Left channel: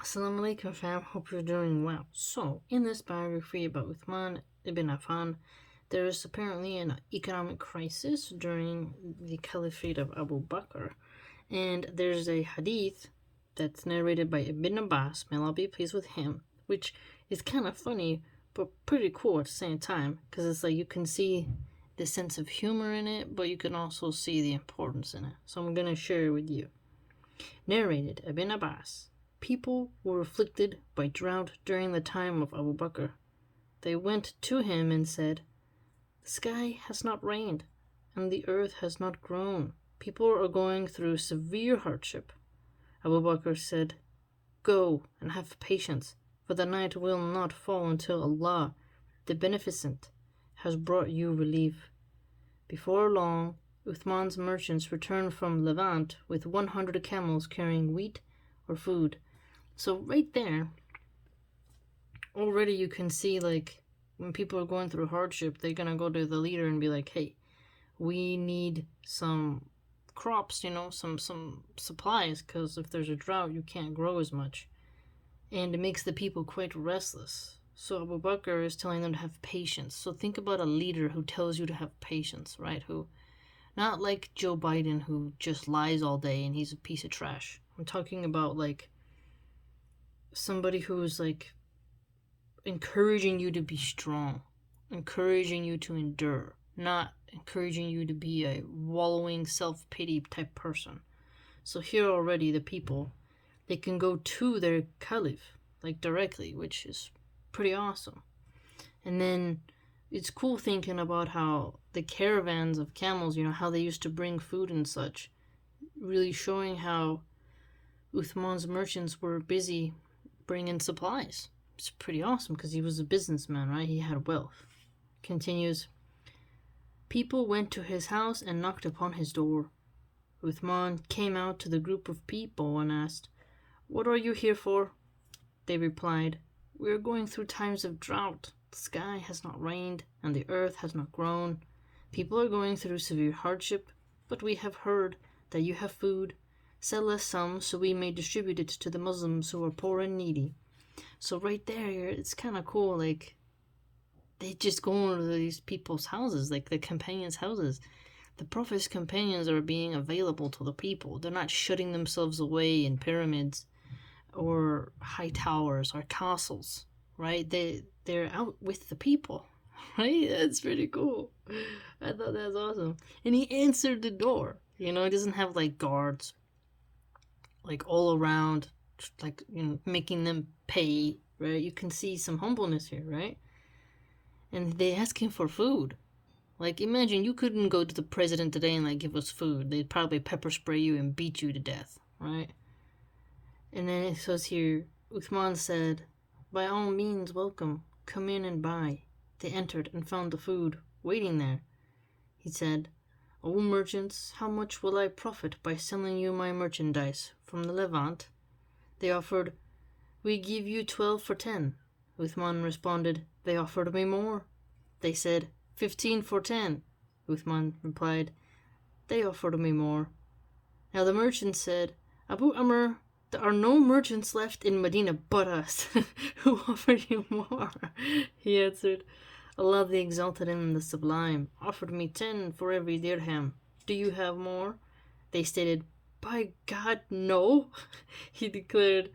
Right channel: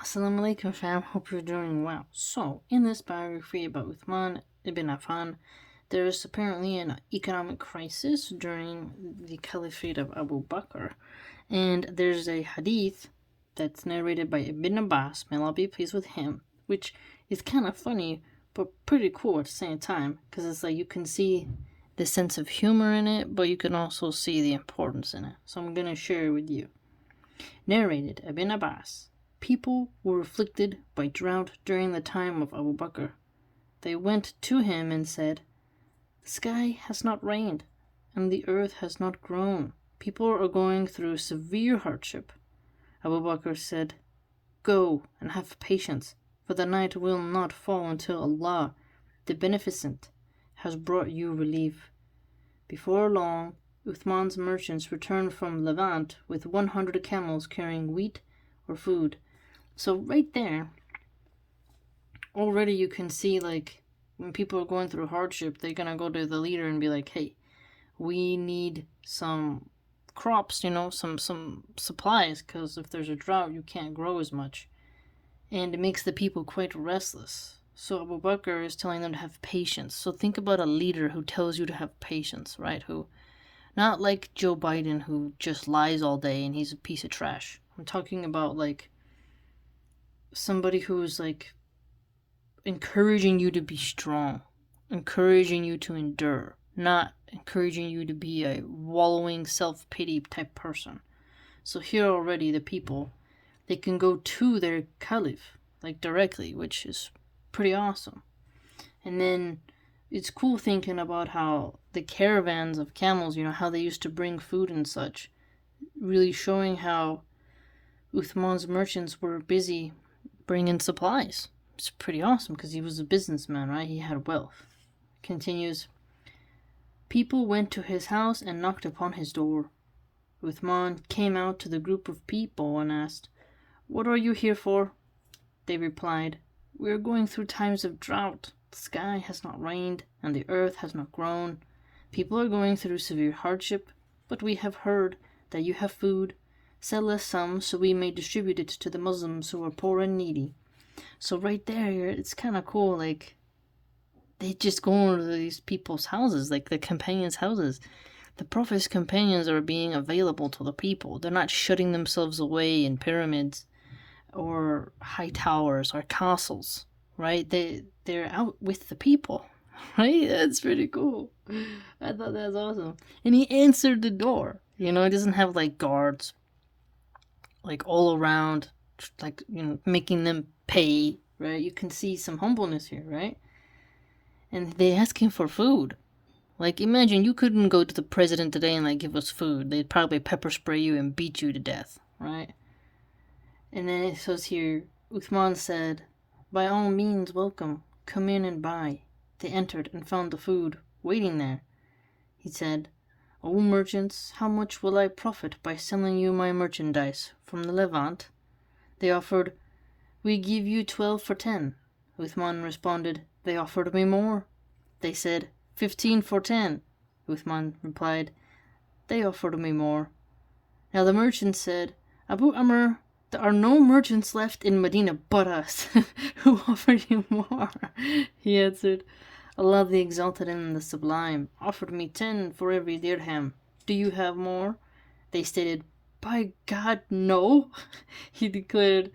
Assalamu alaikum fam, hope you're doing well. So, in this biography about Uthman ibn Affan, there is apparently an economic crisis during the caliphate of Abu Bakr, and there's a hadith that's narrated by Ibn Abbas, may Allah be pleased with him, which is kind of funny, but pretty cool at the same time, because it's like you can see the sense of humor in it, but you can also see the importance in it. So I'm going to share it with you. Narrated Ibn Abbas. People were afflicted by drought during the time of Abu Bakr. They went to him and said, "The sky has not rained, and the earth has not grown. People are going through severe hardship." Abu Bakr said, "Go and have patience, for the night will not fall until Allah, the Beneficent, has brought you relief." Before long, Uthman's merchants returned from Levant with 100 camels carrying wheat or food. So right there, already you can see, like, when people are going through hardship, they're going to go to the leader and be like, "Hey, we need some crops, some supplies, because if there's a drought, you can't grow as much." And it makes the people quite restless. So Abu Bakr is telling them to have patience. So think about a leader who tells you to have patience, right? Who, not like Joe Biden, who just lies all day and he's a piece of trash. I'm talking about, like, somebody who is, like, encouraging you to be strong, encouraging you to endure, not encouraging you to be a wallowing self-pity type person. So here already the people, they can go to their caliph, like, directly, which is pretty awesome. And then it's cool thinking about how the caravans of camels, how they used to bring food and such, really showing how Uthman's merchants were busy bringing supplies. It's pretty awesome because he was a businessman, right? He had wealth. Continues, people went to his house and knocked upon his door. Uthman came out to the group of people and asked, "What are you here for?" They replied, "We are going through times of drought. The sky has not rained and the earth has not grown. People are going through severe hardship, but we have heard that you have food. Sell us some so we may distribute it to the Muslims who are poor and needy." So right there, it's kind of cool. Like, they just go into these people's houses, like the companions' houses. The Prophet's companions are being available to the people. They're not shutting themselves away in pyramids or high towers or castles, right? They're out with the people, right? That's pretty cool. I thought that was awesome. And he answered the door. He doesn't have, like, guards, like, all around, like, making them pay, right? You can see some humbleness here, right? And they ask him for food. Like, imagine you couldn't go to the president today and, like, give us food. They'd probably pepper spray you and beat you to death, right? And then it says here, Uthman said, "By all means, welcome. Come in and buy." They entered and found the food waiting there. He said, "O merchants, how much will I profit by selling you my merchandise from the Levant?" They offered, "We give you 12 for 10. Uthman responded, "They offered me more." They said, 15 for 10. Uthman replied, "They offered me more." Now the merchants said, "Abu Amr, there are no merchants left in Medina but us. Who offered you more?" He answered, "Allah the Exalted and the Sublime offered me 10 for every dirham. Do you have more?" They stated, "By God, no." He declared,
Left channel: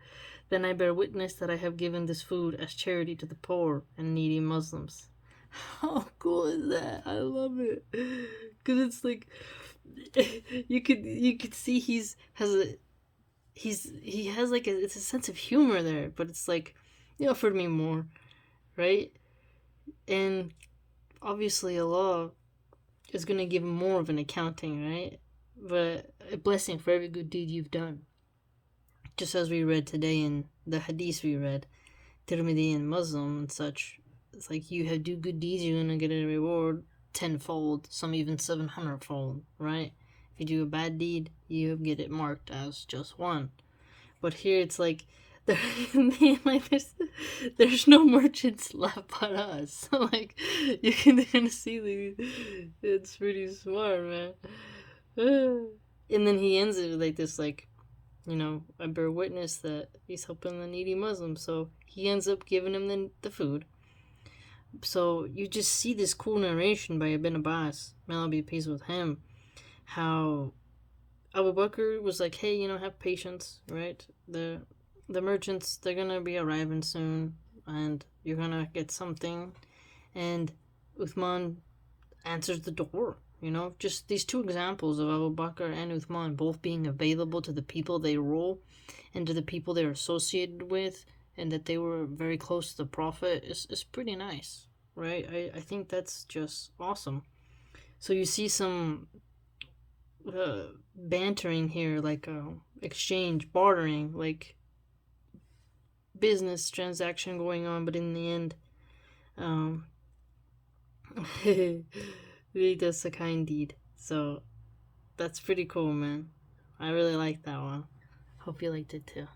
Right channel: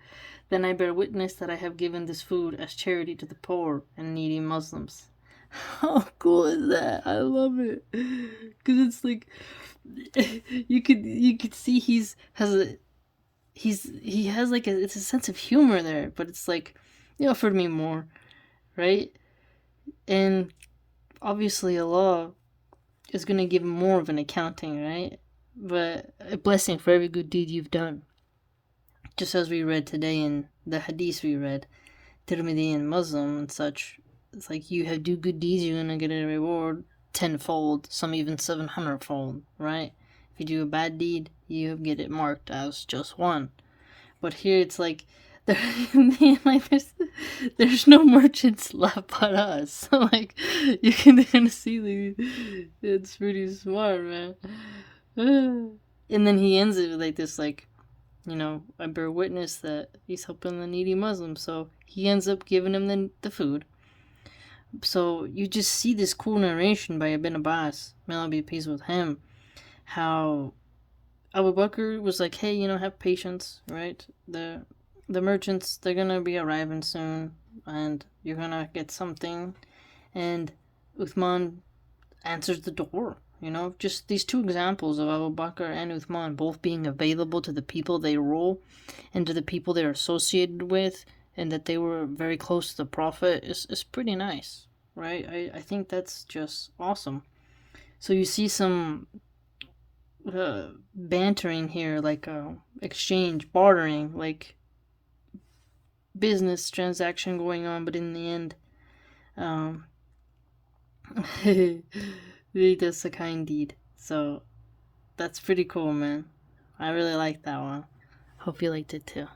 "Then I bear witness that I have given this food as charity to the poor and needy Muslims." How cool is that? I love it. Because it's like, you could see he has like it's a sense of humor there, but it's like, you offered me more, right? And obviously Allah is going to give more of an accounting, right? But a blessing for every good deed you've done. Just as we read today in the hadith we read, Tirmidhi and Muslim and such, it's like you have do good deeds, you're going to get a reward tenfold, some even 700-fold, right? If you do a bad deed, you get it marked as just one. But here it's like, there's no merchants left but us. So, like, you can see, it's pretty smart, man. And then he ends it with, like, this, like, I bear witness that he's helping the needy Muslim, so he ends up giving him the food. So you just see this cool narration by Ibn Abbas, may Allah be pleased with him, how Abu Bakr was like, hey, have patience, right? The merchants, they're gonna be arriving soon, and you're gonna get something. And Uthman answers the door. Just these two examples of Abu Bakr and Uthman both being available to the people they rule and to the people they're associated with, and that they were very close to the Prophet is pretty nice, right? I think that's just awesome. So you see some bantering here, like exchange, bartering, like business transaction going on, but in the end, really does a kind deed. So that's pretty cool, man. I really like that one. Hope you liked it too.